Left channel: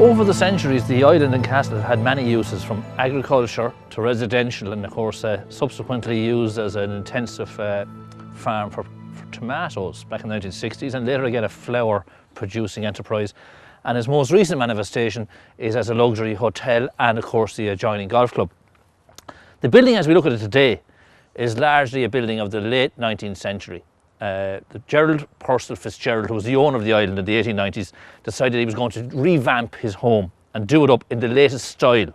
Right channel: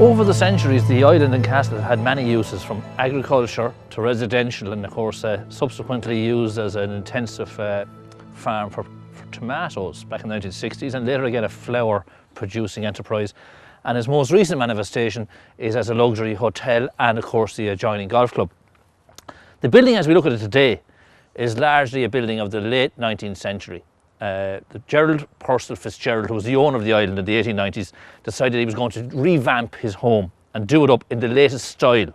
Over the centuries, the island and castle had many uses, from agriculture to residential, and of course subsequently used as an intensive farm for tomatoes back in the 1960s, and later again a flour producing enterprise. And its most recent manifestation is as a luxury hotel and of course the adjoining golf club. The building as we look at it today is largely a building of the late 19th century. The Gerald Purcell Fitzgerald, who was the owner of the island in the 1890s, decided he was going to revamp his home and do it up in the latest style,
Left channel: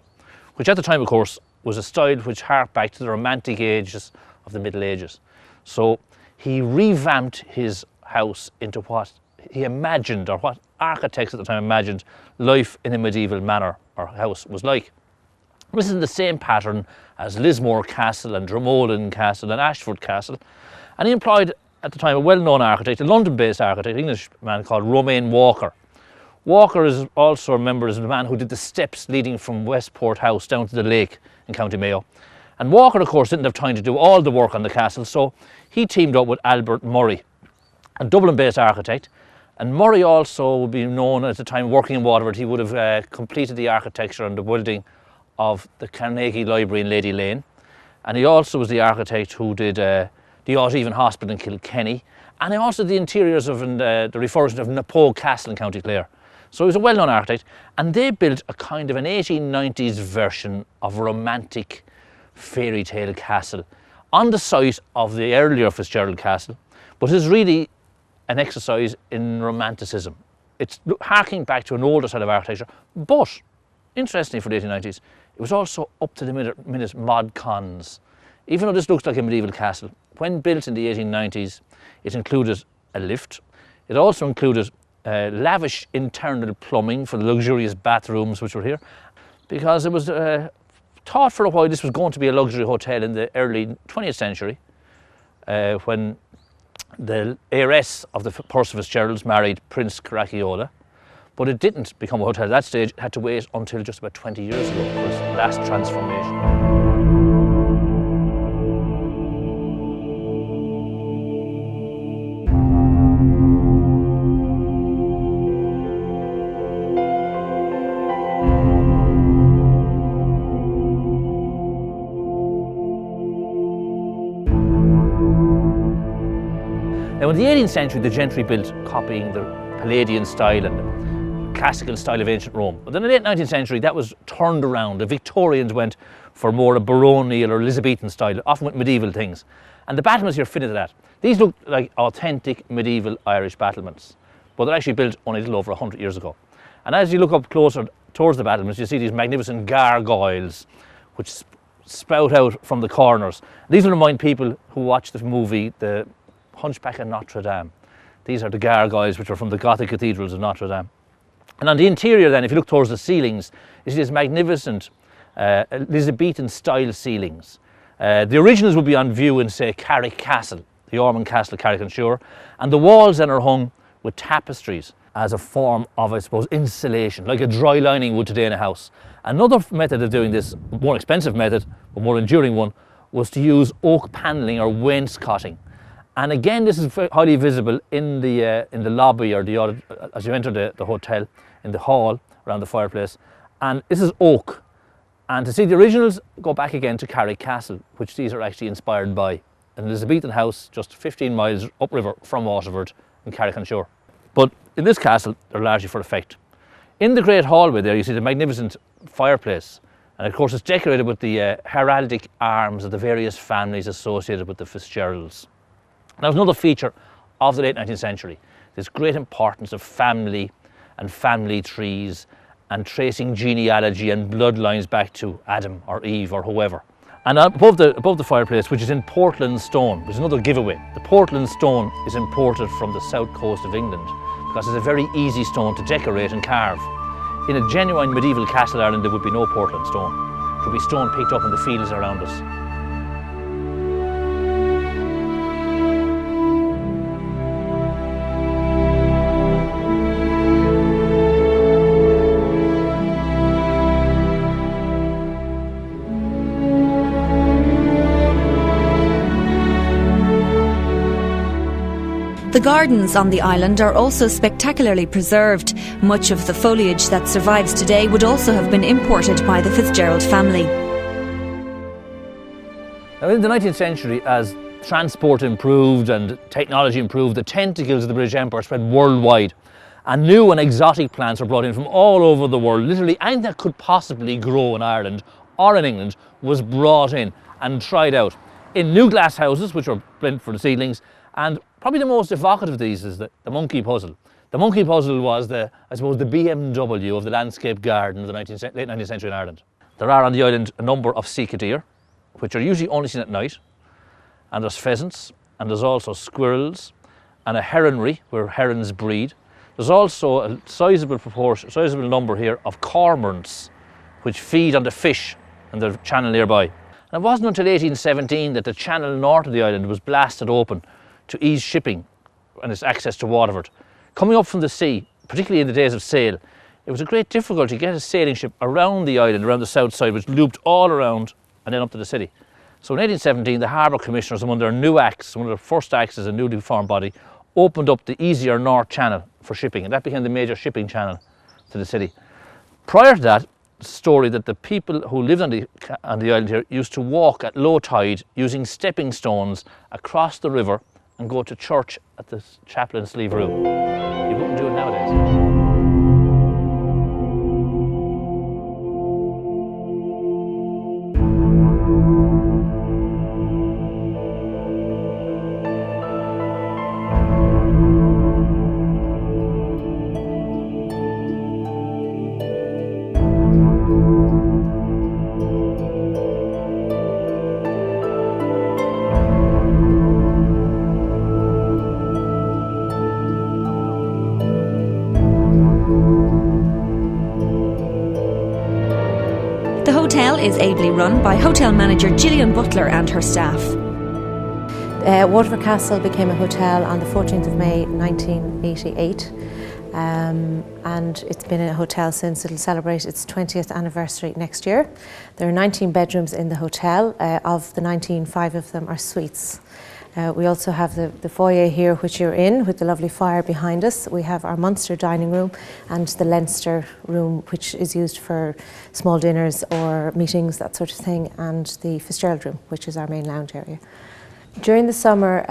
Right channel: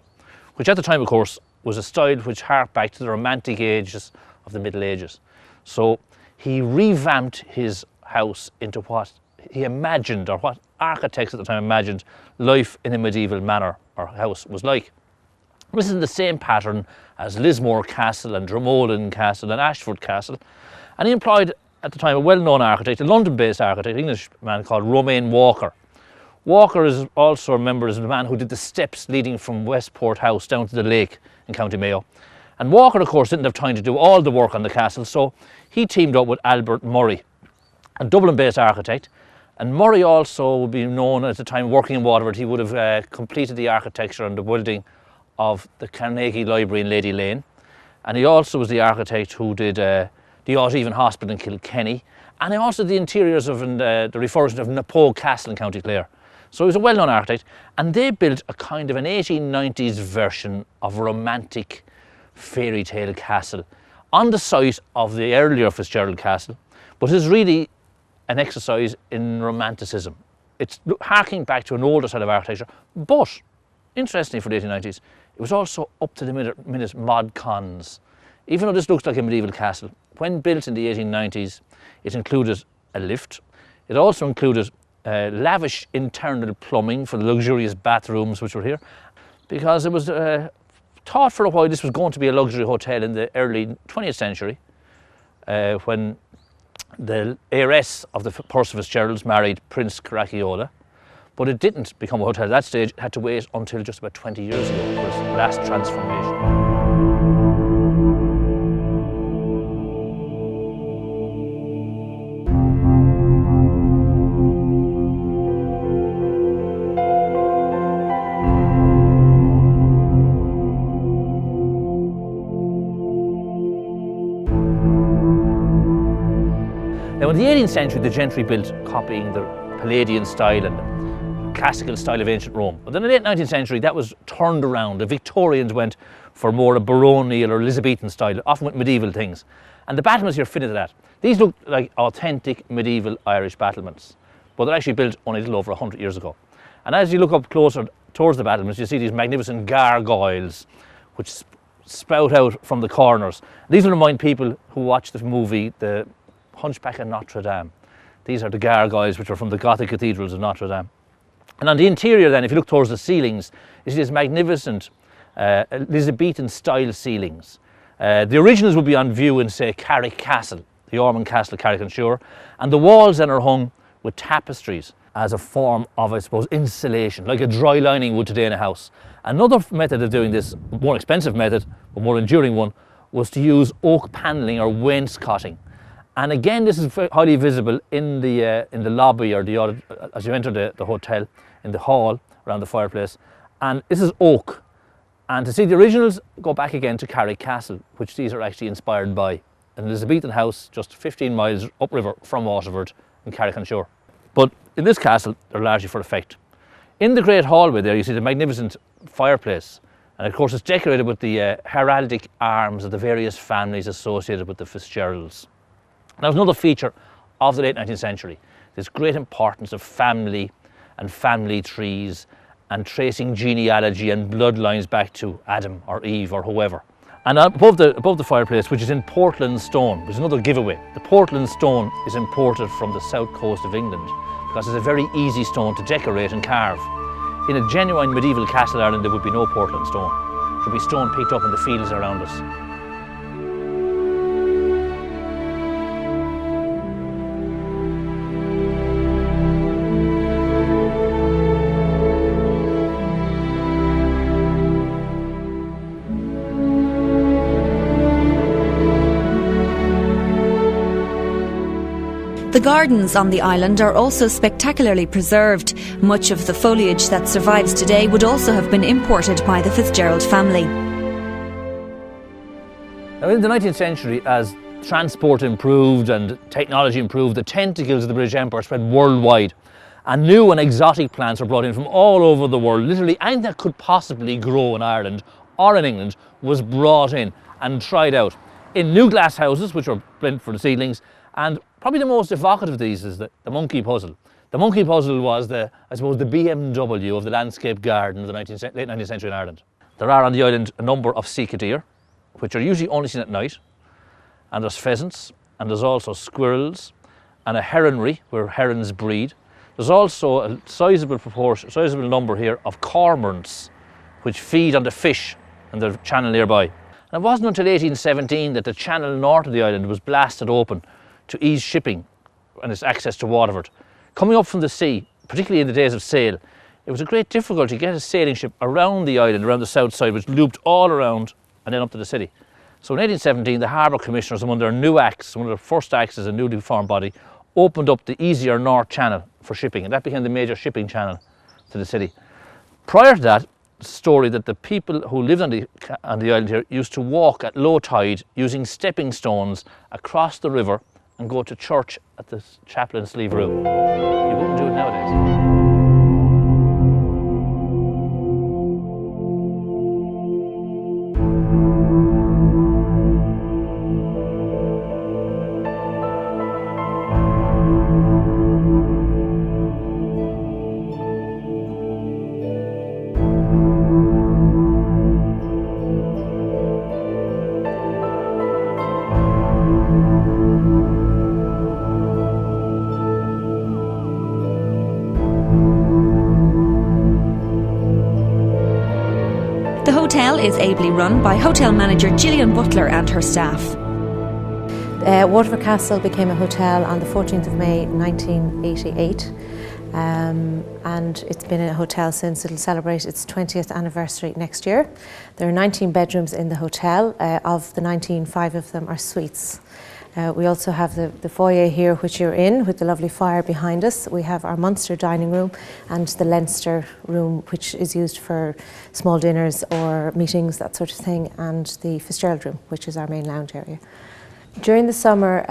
which at the time, of course, was a style which harked back to the romantic ages of the Middle Ages. So he revamped his house into what he imagined, or what architects at the time imagined life in a medieval manor or house was like. This is in the same pattern as Lismore Castle and Dromoland Castle and Ashford Castle, and he employed at the time a well-known architect, a London-based architect, an Englishman called Romain Walker. Walker is also remembered as the man who did the steps leading from Westport House down to the lake in County Mayo. And Walker, of course, didn't have time to do all the work on the castle, so he teamed up with Albert Murray, a Dublin-based architect. And Murray also would be known at the time working in Waterford. He would have completed the architecture and the building of the Carnegie Library in Lady Lane. And he also was the architect who did the Audheven Hospital in Kilkenny, and also the interiors of the refurbishment of Napoe Castle in County Clare. So he was a well-known architect, and they built a kind of an 1890s version of a romantic fairy tale castle on the site of the earlier Fitzgerald Castle, but it is really an exercise in romanticism. It's harking back to an older style of architecture, but interestingly for the 1890s, it was also up to the minute mod cons. Even though this looks like a medieval castle, when built in the 1890s, it included a lift. It also included lavish internal plumbing for the luxurious bathrooms which were here, because it was thought for a while this was going to be a luxury hotel in the early 20th century, when the heiress of the Purcell Fitzgeralds married Prince Caracciolo. But it didn't become a hotel at that stage. It had to wait until just about 20 years ago for its last transformation. Now in the 18th century, the gentry built copying the Palladian style and the classical style of ancient Rome. But in the late 19th century, that was turned around. The Victorians went for more a baronial or Elizabethan style, often with medieval things. And the battlements here fitted that. These look like authentic medieval Irish battlements, but they're actually built only a little over 100 years ago. And as you look up closer towards the battlements, you see these magnificent gargoyles which spout out from the corners. These will remind people who watch the movie The Hunchback of Notre Dame. These are the gargoyles which are from the Gothic cathedrals of Notre Dame. And on the interior then, if you look towards the ceilings, you see these magnificent Elizabethan style ceilings. The originals will be on view in, say, Carrick Castle, the Ormond Castle of Carrick-on-Suir, and the walls then are hung with tapestries as a form of, I suppose, insulation, like a dry lining would today in a house. Another method of doing this, more expensive method, but more enduring one, was to use oak panelling or wainscoting. And again, this is highly visible in the lobby, or as you enter the hotel, in the hall around the fireplace. And this is oak. And to see the originals, go back again to Carrick Castle, which these are actually inspired by. An Elizabethan house just 15 miles upriver from Waterford in Carrick-on-Suir. But in this castle, they're largely for effect. In the great hallway there, you see the magnificent fireplace. And of course, it's decorated with the heraldic arms of the various families associated with the Fitzgeralds. Now, there's another feature of the late 19th century, this great importance of family and family trees and tracing genealogy and bloodlines back to Adam or Eve or whoever. And above the fireplace, which is in Portland stone, which is another giveaway. The Portland stone is imported from the south coast of England because it's a very easy stone to decorate and carve. In a genuine medieval castle Ireland, there would be no Portland stone. It would be stone picked up in the fields around us. The gardens on the island are also spectacularly preserved. Much of the foliage that survives today would also have been imported by the Fitzgerald family. Now, in the 19th century, as transport improved and technology improved, the tentacles of the British Empire spread worldwide. And new and exotic plants were brought in from all over the world. Literally anything that could possibly grow in Ireland or in England was brought in and tried out. In new glass houses, which were built for the seedlings, and probably the most evocative of these is the monkey puzzle. The monkey puzzle was the BMW of the landscape garden of the late 19th century in Ireland. There are on the island a number of sika deer, which are usually only seen at night, and there's pheasants, and there's also squirrels, and a heronry where herons breed. There's also a sizable number here of cormorants, which feed on the fish in the channel nearby. And it wasn't until 1817 that the channel north of the island was blasted open to ease shipping and its access to Waterford. Coming up from the sea, particularly in the days of sail, it was a great difficulty to get a sailing ship around the island, around the south side, which looped all around and then up to the city. So in 1817, the Harbour Commissioners, among their new acts, one of their first acts as a newly formed body, opened up the easier North Channel for shipping, and that became the major shipping channel to the city. Prior to that, story that the people who lived on the island here used to walk at low tide using stepping stones across the river and go to church at the chapel in Slieve Rue. You wouldn't do it nowadays. The hotel is ably run by hotel manager Gillian Butler and her staff. Waterford Castle became a hotel on the 14th of May 1988 and it's been a hotel since. It'll celebrate its 20th anniversary next year. There are 19 bedrooms in the hotel. Of the 19, 5 of them are suites. We also have the foyer here, which you're in, with the lovely fire behind us. We have our Munster dining room and the Leinster room, which is used for small dinners or meetings, that sort of thing, and the Fitzgerald room, which is our main lounge area. During the summer,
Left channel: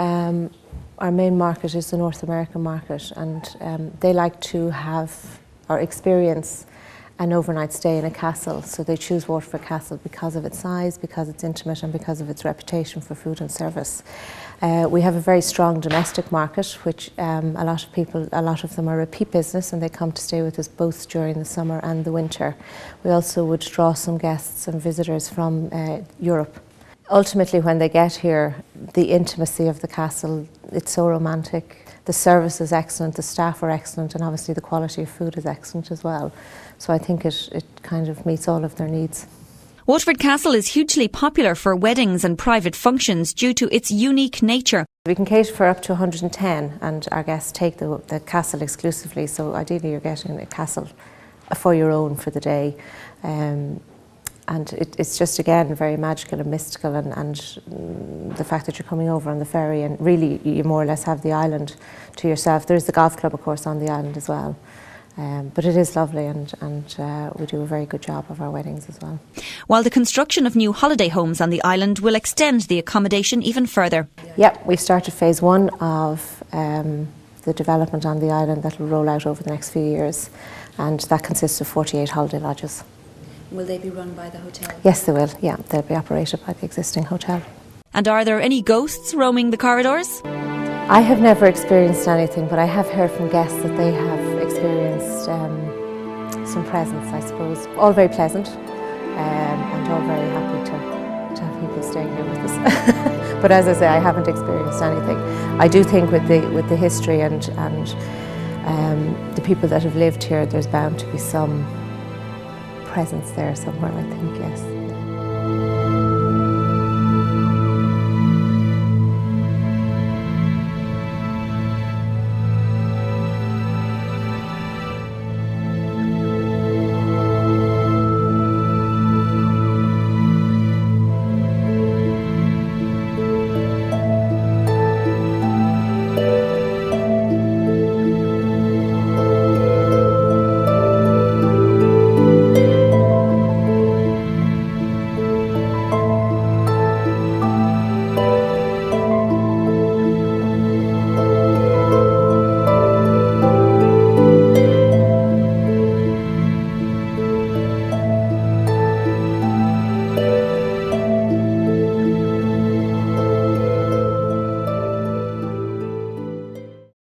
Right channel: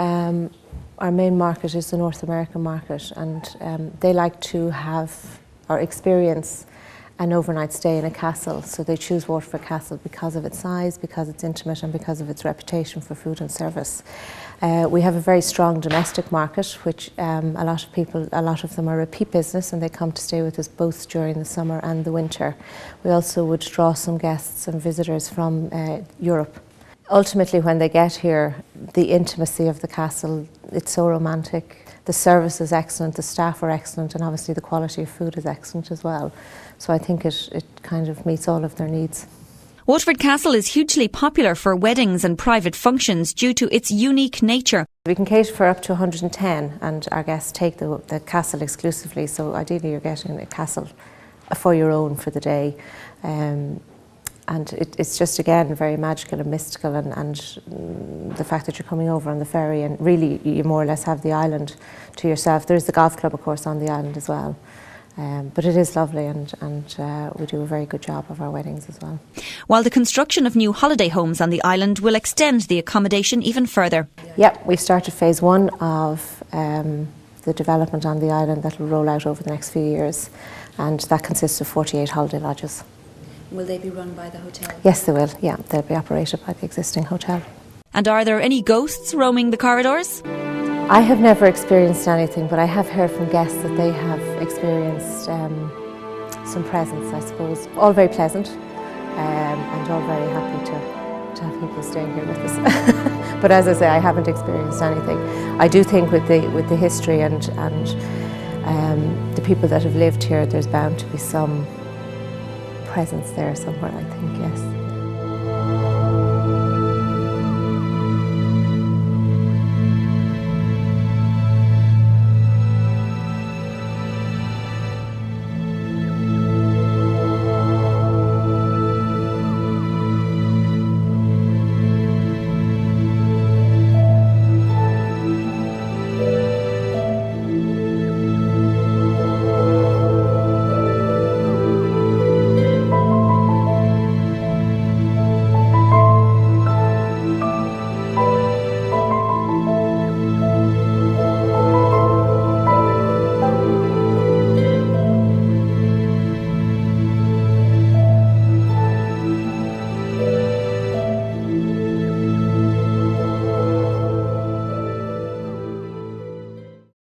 our main market is the North American market, and they like to have or experience an overnight stay in a castle, so they choose Waterford Castle because of its size, because it's intimate, and because of its reputation for food and service. We have a very strong domestic market, which a lot of them are repeat business, and they come to stay with us both during the summer and the winter. We also would draw some guests and visitors from Europe. Ultimately, when they get here, the intimacy of the castle, it's so romantic. The service is excellent, the staff are excellent, and obviously the quality of food is excellent as well. So I think it kind of meets all of their needs. Waterford Castle is hugely popular for weddings and private functions due to its unique nature. We can cater for up to 110, and our guests take the castle exclusively, so ideally you're getting a castle for your own for the day. And it's just, again, very magical and mystical, and the fact that you're coming over on the ferry, and really you more or less have the island to yourself. There's the golf club, of course, on the island as well. But it is lovely, and we do a very good job of our weddings as well. While the construction of new holiday homes on the island will extend the accommodation even further. Yep, we've started phase 1 of the development on the island that will roll out over the next few years, and that consists of 48 holiday lodges. Will they be run by the hotel? Yes, they will, yeah. They'll be operated by the existing hotel. And are there any ghosts roaming the corridors? I have never experienced anything, but I have heard from guests that they have experienced some presence, I suppose. All very pleasant, and all very happy to have people staying here with us. But as I say, I haven't experienced anything. I do think with the history and the people that have lived here, there's bound to be some presence there somewhere, I think, yes.